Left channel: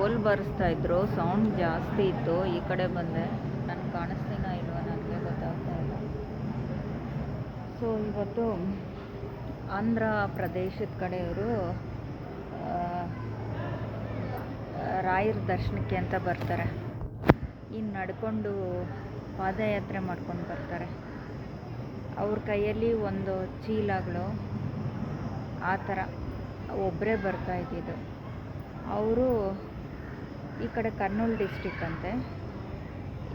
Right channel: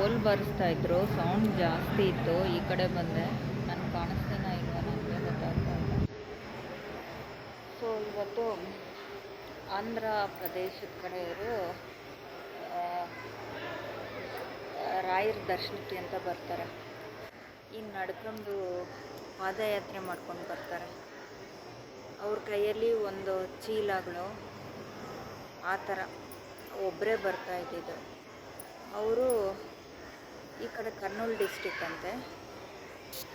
ಡೋಲ್ ಬಾರಿಸ್ತಾಯಿದ್ರು, sound ಜಾಸ್ತಿ ಇತ್ತು. ಈ ಕಡೆ ಬಂದೆ. ನಾನು ಕಾಣಿಸ್ತೀನೋ ಇಲ್ವೋ ನನಗೆ ಗೊತ್ತಾಗ್ತಾ ಇಲ್ಲ. ಸೊ ಇವತ್ತು ಆಂಧ್ರ ಪ್ರದೇಶದ ಕಡೆಯವರು ರಾಯರ ದರ್ಶನಕ್ಕೆ ಅಂತ ಬರ್ತಾರೆ. ಇನ್ನು ನಡ್ಕೊಂಡು ಪಾದಯಾತ್ರೆ ಮಾಡ್ಕೊಂಡು ಬರ್ತಾರೆ. ಅವ್ರ ಕೈಯಲ್ಲಿ ಒಂದು ಚೀಲಗಳು ಆ ಥರ ಒಬ್ಬರೇ ಬರ್ತಾ ಇದ್ದಿದ್ದು. ಅವರು ಈ ಕಡೆ ಕರ್ನೂಲ್ ಡಿಸ್ಟಿಕ್ ಅಂತೆ,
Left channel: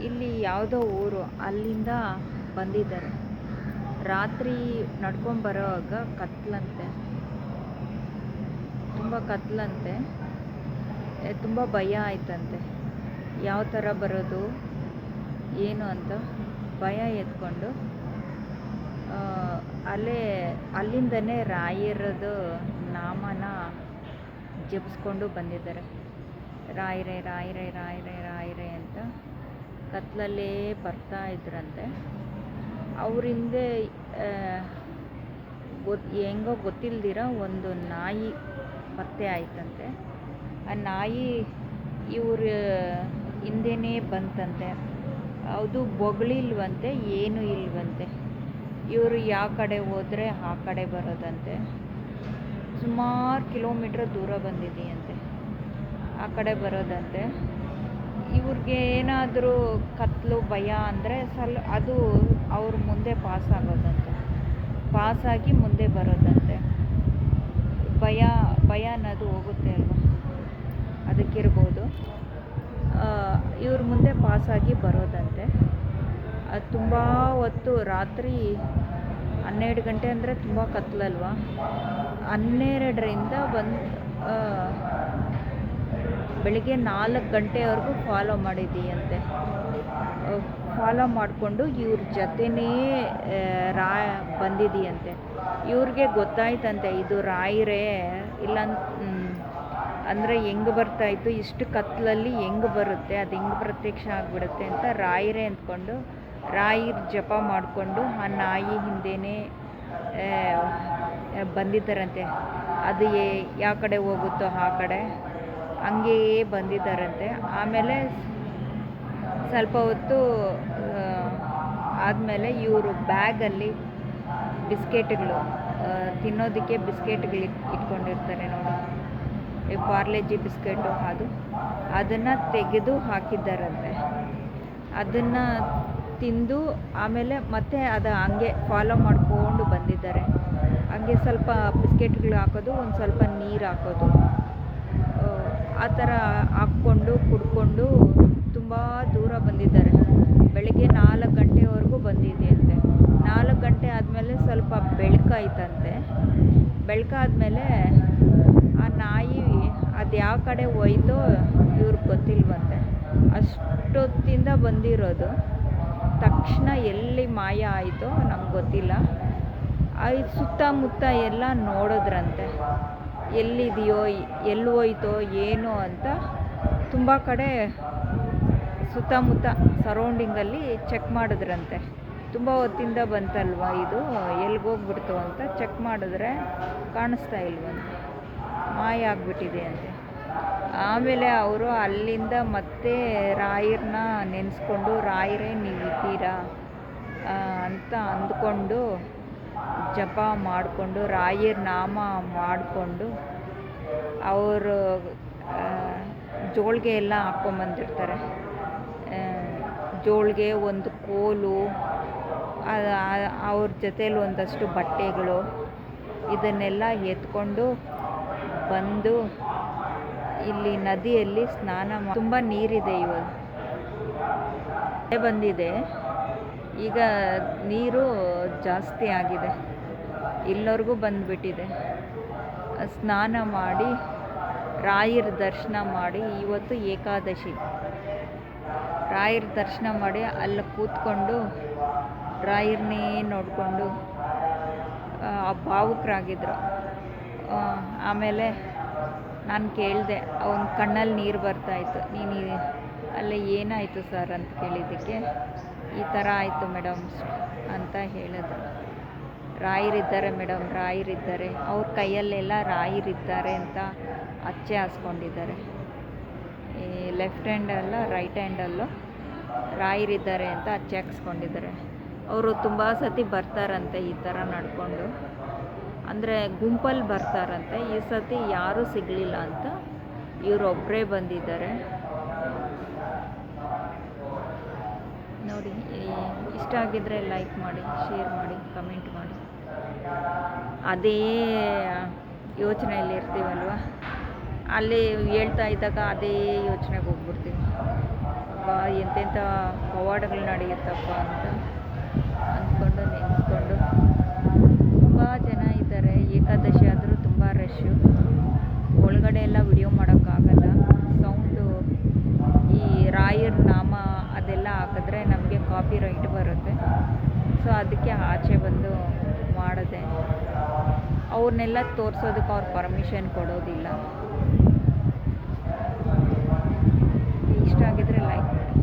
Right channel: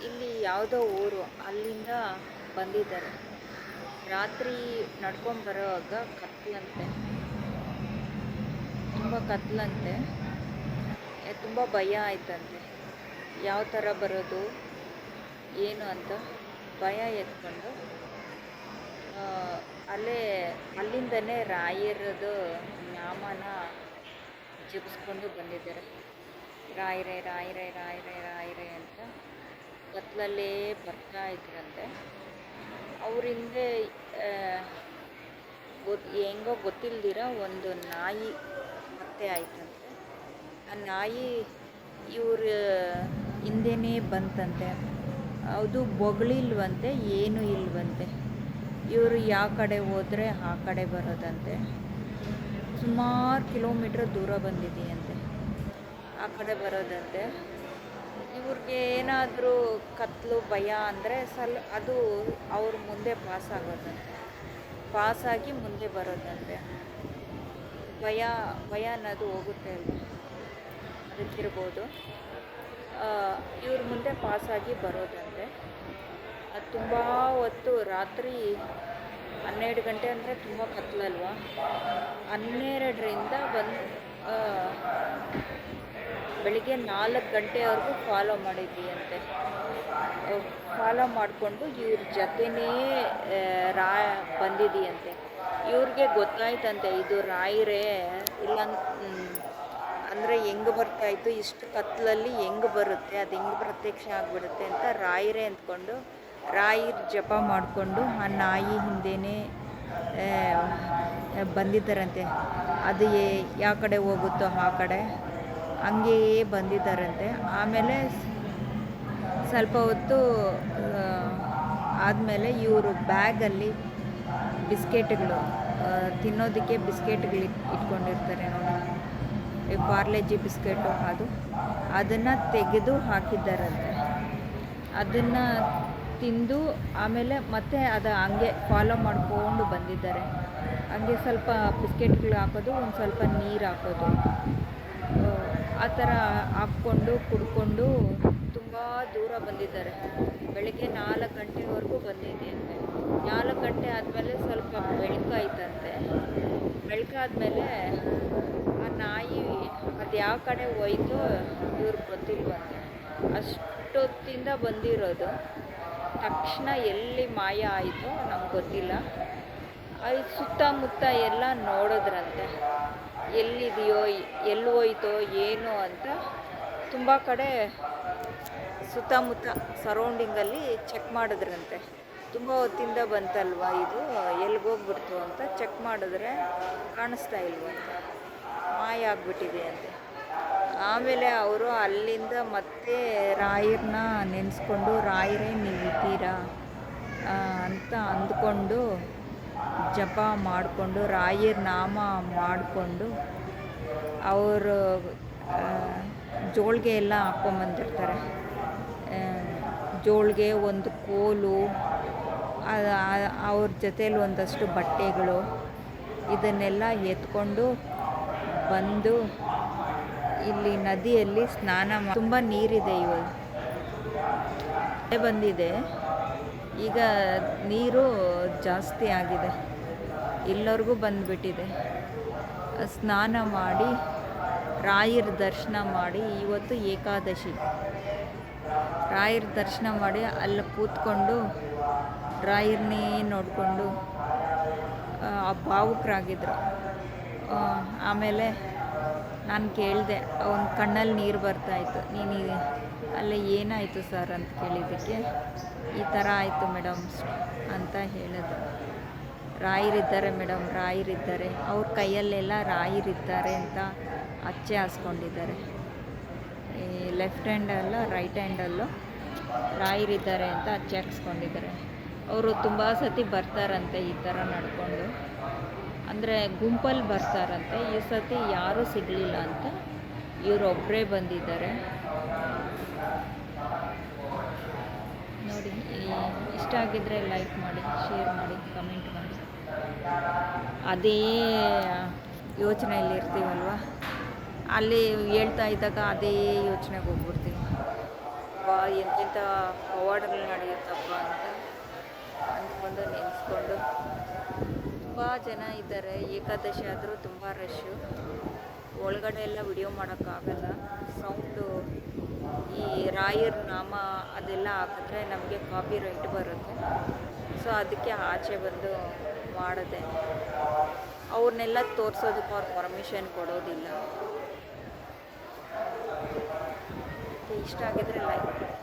ಇಲ್ಲಿ ಯಾವುದೋ ಊರು, ಅಲ್ಲಿಂದ ಬಂದಿದ್ದಾರೆ. ರಾತ್ರಿ ನಡ್ಕೊಂಬರೋವಾಗ ಕತ್ಲಂತೆ, ತುಂಬ ಕತ್ಲಂತೆ, ತುಂಬ ಭಯ ಆಯ್ತಂತೆ. ಯಾವ ಥರ ಬರೋದು ಏನು ಅಂತ ಭಯ ಎತ್ಕೊಂಡು ಅಲ್ಲಿಂದನೇ ರಾಯರದು ನಾಮನ ಜಪಿಸ್ಕೊಂಡು ಬಂದಿದ್ದಾರೆ. ರಾಯರೇ ರಾಯರೇ ರಾಯರೇ ರಾಯರೇ ಅಂತ ಕತ್ಲಲ್ಲೇ ಬರ್ತಾ ಇದ್ರಂತೆ. ಅವರಿಂದ ಹೆಂಗೋ ಗೊತ್ತಿಲ್ದಿರ ಒಂದು ನಾಯಿ ಪತ್ತೆ ಆಯ್ತಂತೆ. ಆ ನಾಯಿ ಇವ್ರ ಹಿಂದೆನೇ ಬಂತಂತೆ. ಅದು ಬೊಗಳಿಲ್ವಂತೆ, ಏನೂ ಇಲ್ವಂತೆ. ಇವರು ಯಾವ ಕಡೆ ಹೋದರೆ ಆ ಕಡೆ ಬರೋದಂತೆ. ಸುಮಾರು ಕಿಲೋಮೀಟ್ರ್ ದೂರ ಬಂದಿದೆಯಂತೆ, ಆ ಕಡೆ ಬರೋದಂತೆ. ಇವ್ರಿಗೆ ಏನಾದರೂ ಕತ್ಲು ಭಯ ಅಂದರೆ ಅದು ಅವ್ರ ಮುಂದೆ ಪಾಸ್ ಆಗೋದಂತೆ, ಪಾಸಾಗಿ ಮುಂದೆ ಬರೋದಂತೆ. ಭಯ ಅನ್ನೋದು ಹೋಗುತ್ತೆ ಅಲ್ವಾ, ಅದಕ್ಕಿರ್ಬೋದು. ಇವ್ರ ಮುಂದೆ ಪಾಸಾಗಿ ಬರೋದಂತೆ. ಅದು ತುಂಬ ಹೊತ್ತು, ರಾತ್ರಿ 12 ಗಂಟೆ ಅಂದರೆ ತುಂಬ ಕತ್ಲಲ್ವ, 12ರಿಂದ ಬೆಳಿಗ್ಗೆ 4 ಗಂಟೆವರೆಗೂ ಫಾಲೋ ಮಾಡಿದ್ದೀಯಂತೆ. ಫಾಲೋ ಮಾಡಿಕೊಂಡು ಇವ್ರ ಜೊತೆನೇ ಬಂದಿದ್ದೀಯಂತೆ. ಇವ್ರಿಗೆ ಗೊತ್ತಾಯ್ತಂತೆ ಇದು ರಾಯರೇ, ಇಲ್ಲ ಅಂದರೆ ಹೆಂಗೆ ಬರ್ತಾಯಿತ್ತು, ಇಷ್ಟು ಕತ್ಲಲ್ಲಿ ಹೆಂಗೆ ಬರುತ್ತೆ, ಅದು ಹೆಂಗೆ ಪ್ರತ್ಯಕ್ಷ ಆಗಿಬಿಡುತ್ತೆ ಅಂತ ರಾಯರೇ ಅಂದ್ಕೊಂಡು ರಾಯರ ಜಪ ಮಾಡಿಕೊಂಡು ಆ ನಾಯಿ ಹಿಂದೆನೇ ಬಂದಿದ್ದಾರಂತೆ. ಅದು ಯಾವ ಕಡೆ ಹೋಗುತ್ತೋ ಆ ಕಡೆ ಹಂಗೆಯೇ ಬಂದಿದ್ದಾರಂತೆ. ಆಮೇಲೆ ಸ್ವಲ್ಪ ಹೊತ್ತು ಆದಮೇಲೆ ಇವರು ಬ್ಯಾಗಲ್ಲಿ ಬಿಸ್ಕೆಟ್ಗಳು ತಿನ್ನೋದಕ್ಕೆ ಬಿಸ್ಕೆಟ್ಗಳು ಇಟ್ಕೊಂಡಿರ್ತಾರೆ ನೋಡಿ, ಪಾರ್ಲೆಜಿ ಬಿಸ್ಕೆಟು, ಅದನ್ನು ತೆಗೆದು ಹಾಕಿದ್ದಾರಂತೆ. ಅದನ್ನು ತಿಂದು ಆಮೇಲೆ ಮತ್ತೆ ಅದು ಹಂಗೆ ಫಾಲೋ ಮಾಡಿಕೊಂಡು ಬಂದಿದ್ದಾರೆ. ಹಂಗೆ ಸ್ವಲ್ಪ ಬಿಸ್ಕೆಟ್ಗಳು ಹಾಕೋದು, ಒಂದು ಸ್ವಲ್ಪ ನೀರು ಹಾಕೋದು, ಆ ಥರ ಹಾಕ್ಕೊಂಡು ಕುಡ್ಕೊಂಡು ತುಂಬ ದೂರ ಬಂದಿದ್ದಾರೆ. ಬೆಳಗ್ಗೆ 4 ಗಂಟೆವರೆಗೂ ಬಂದಿದೆಯಂತೆ. 4 ಗಂಟೆ ಆದಮೇಲೆ ಸ್ವಲ್ಪ ಬೆಳಕಾಯ್ತಂತೆ. ಬೆಳಕಾದ್ಮೇಲೆ ಆ ನಾಯಿ ಅದು ಯಾವ ಕಡೆ ಹೋಯ್ತೋ ಇವ್ರಿಗೆ ಗೊತ್ತಿಲ್ವಂತೆ. ಅಷ್ಟೊತ್ತಿಂದ ಬಂದಿರೋದು, ತಕ್ಷಣ ಎಲ್ಲಿ ಮಾಯ ಆಯಿತೋ ನಮ್ಗೆ ಗೊತ್ತಿಲ್ಲ. ಸುತ್ತಮುತ್ತ ಎಲ್ಲ ನೋಡಿದ್ರಂತೆ, ಎಲ್ಲಿದೆಯೋ ಎಲ್ಲಿ ಹೋಯ್ತೋ ಏನು ಅಂತ ತುಂಬ ಕಡೆ ಸುತ್ತಮುತ್ತ ಸರೌಂಡಿಂಗಲ್ಲಿ ಚೆಕ್ ಮಾಡಿದ್ರಂತೆ. ತುಂಬ ಹೊತ್ತಿಂದ ಬಂತಲ್ವ ಇದು, ಎಲ್ಲಿಗೋಗ್ಬಿಡ್ತು ಅಂತ ಚೆಕ್ ಮಾಡಿದ್ರೆ ಕಾಣಿಸ್ತಾ ಇಲ್ವಂತೆ, ಮಾಯ ಆಗಿಬಿಟ್ಟಿದೆ ಅಂತೆ. ಆಮೇಲೆ ಅವರು ಅಲ್ಲಿಂದ ಮತ್ತೆ ರಾಯರನ್ನ ನೆನೆಸ್ಕೊಂಡು, ರಾಯರೇ ನೀವಿದ್ದೀರಾ ಅಂತ ಅಂದ್ಕೊಂಡು ಜಪ ಮಾಡಿಕೊಂಡು ರಾಯರ ನಾಮ ಮಾಡಿಕೊಂಡು ಅವರು ಜೋಳಿಗೆ ಎಲ್ಲ ಹಾಕ್ಕೊಂಬಂದಿರ್ತಾರೆ. ಜೋಳಿಗೆ, ಒಂದು ಕೋಲು, ಅವ್ರ ಜೊತೇಲಿ ಒಂದಷ್ಟು ಬಟ್ಟೆಗಳು, ಇದನ್ನೆಲ್ಲ ಎತ್ಕೊಂಡು ಬಂದು ಇಲ್ಲಿ ನದಿಯಲ್ಲಿ ಸ್ನಾನ ತುಂಬ ನೀರಿದೆ. ಇವಾಗ ಬಂದಿದೆ, ಈಗ ನೀರು ಜಾಸ್ತಿ ಆಗಿದೆ, ಇಲ್ಲವರೆಗೂ ಬಂದುಬಿಟ್ಟಿದೆ. ಸ್ನಾನ ಮಾಡಿ ರಾಯರ ದರ್ಶನ ಮಾಡಿ, ಇವತ್ತು ಏಕಾದಶಿ, ರಾಯರ ದರ್ಶನ ಮಾಡಿ ಅಲ್ಲಿ ಕೂತ್ಕೊಂಡು ರಾಯರನ್ನೇ ನೋಡಿಕೊಂಡು ಭಾವುಕರಾಗಿದ್ರು. ಆಮೇಲೆ ನಾನು ಕೇಳಿದೆ, ಅವನ ಕಣ್ಣಲ್ಲಿ ನೀರು ಬರ್ತಾಯಿತ್ತು. ನೀನು ಅಲ್ಲೇ ಏನಾಯಿತು ಸರ್ ಅಂತ ಕೇಳಿದ್ದಕ್ಕೆ, ಈ ಥರ ಆಯಿತು ಮೇಡಮ್ ಅಂತ ಹೇಳಿದ್ರು. ರಾಯರಿದ್ದಾರೆ ಮೇಡಮ್, ರಾಯರಿದ್ದಾರೆ, ಅವ್ರ ಕೈಯಲ್ಲೆಲ್ಲ ರಾಯರಿದ್ದಾರೆ ಅಂತ ಅಚ್ಚೆ ಹಾಸ್ಕೊಂಡಿದ್ದಾರೆ. ಈ ಲೆಫ್ಟ್ ಹ್ಯಾಂಡಲ್ಲ ರೈಟ್ ಹ್ಯಾಂಡಲ್ಲೂ ರಾಯರಿದ್ದಾರೆ ಅಂತ ಚೆಕ್ಸ್ಕೊಂಡಿದ್ದಾರೆ. ಅವರು ತುಂಬ ಸತಿ ಬರ್ತಾರಂತೆ ಈ ಥರ ನಡ್ಕೊಂಡು, ಅಂದರೆ ಗುಂಪಲ್ಲಿ ಬರ್ತಾರಂತೆ. ಈ ಸತಿ ಯಾರೂ ಸಿಗಲಿಲ್ಲ ಅಂತ ಇವರೊಬ್ಬರೇ ಬಂದಿದ್ದಾರೆ ನೋಡಿ. ಇಷ್ಟ ಆಗಿದ್ದರೆ ಲೈಕ್ ಮಾಡಿ, ಶೇರ್ ಮಾಡಿ, ಕಮೆಂಟ್ ಮಾಡಿ. ಅದೇ ಯೋಚನೆಯಲ್ಲಿ ಇರ್ತೀವಲ್ವ, ಅಲ್ಲಿ ಹೇಳ್ತಾ ಇದ್ದಾಗ ಅದೇ ಯೋಚನೆಗೆ ಹೋಗ್ಬಿಡ್ತೀವಿ. ವಾ ಎಂತೆಂಥ ಪವಾಡಗಳು ನಡೆಯುತ್ತಪ್ಪ ಅಂತ ಅಂದ್ಕೊಂಡು ನೆನೆಸ್ಕೊಂಡು. ತುಂಬ ಜನ ಇದ್ದಾರೆ, ಏಕಾದಶಿ ಆದರೂ ತುಂಬ ರಶ್ಶು. ಒಳಗಡೆ ಎಲ್ಲ ವಿಡಿಯೋ ಮಾಡೋಕ್ಕಾಗಲ್ಲ. ಸೌಂಡು ಈ ರಾಯರ ನಾಮ ಅದೆಲ್ಲ ಹಾಕಿದ್ರೆ ನಮಗೆ ಕಾಪಿ ರೈಟ್ ಬರುತ್ತೆ. ಸೊ ಅದಕ್ಕೆ ಆಚೆ ಬಂದು ಮಾಡಿದೆ. ಅವ್ರನ್ನೆಲ್ಲ ತೋರಿಸೋದಕ್ಕೆ ಅವ್ರು ಪರ್ಮಿಷನ್ ಕೊಡೋದಿಲ್ಲ. ಇಷ್ಟ ಆಗಿದ್ರೆ ಲೈಕ್ ಮಾಡಿ.